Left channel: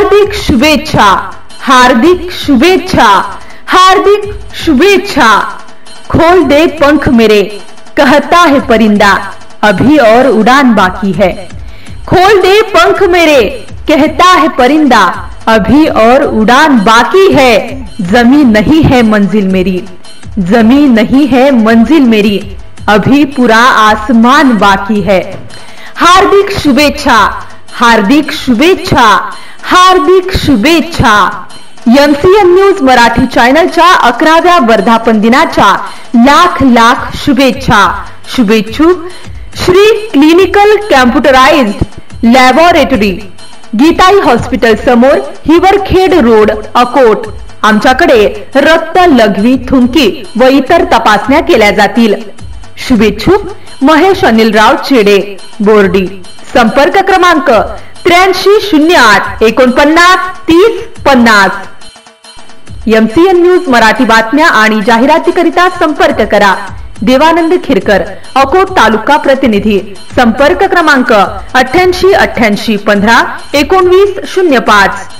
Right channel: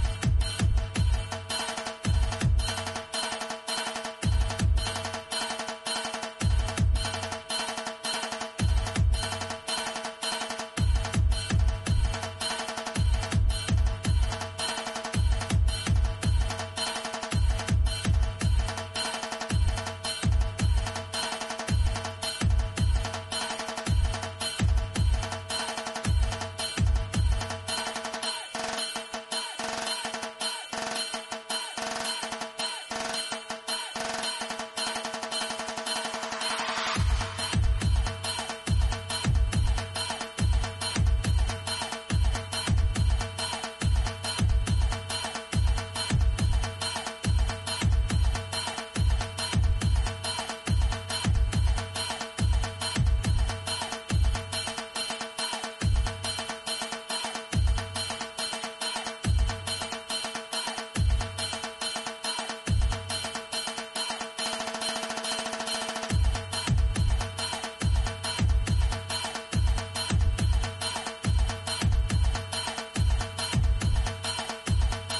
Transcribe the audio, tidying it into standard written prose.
हार्दिक शुभेच्छा, हार्दिक शुभेच्छा, हार्दिक शुभेच्छा। खोल दे पंख मेरे, कहता है परिंदा, अभी और उड़ान बाकी है। खोल दे पंख मेरे, कहता है परिंदा, अभी और उड़ान बाकी है। जमीन नहीं है मंजिल मेरी, जमीन नहीं है मंजिल मेरी, अभी पूरा आसमान बाकी है। हार्दिक शुभेच्छा, हार्दिक शुभेच्छा, हार्दिक शुभेच्छा। एमसीएन न्यूज मराठी चॅनलच्या 11व्या वर्धापन दिनाच्या लाख लाख शुभेच्छा। शुभेच्छुक Shri clinical computerized laboratory, Geetai hospital समोर, हिवरखेड रोड, अकोट। आमच्याकडे रक्त, लघवी, थुंकी व इतर तपासण्या केल्या जातील। शुभेच्छुक महेश अनिलराव चेडे, बोर्डी। संपर्क क्रमांक 8308 49 30 50। एमसीएन न्यूज मराठी बातम्या आणि जाहिरातीकरिता संपर्क करा देवानंद खिरकर, अकोट तालुका प्रतिनिधी। संपर्क क्रमांक 88 88 15 19 05।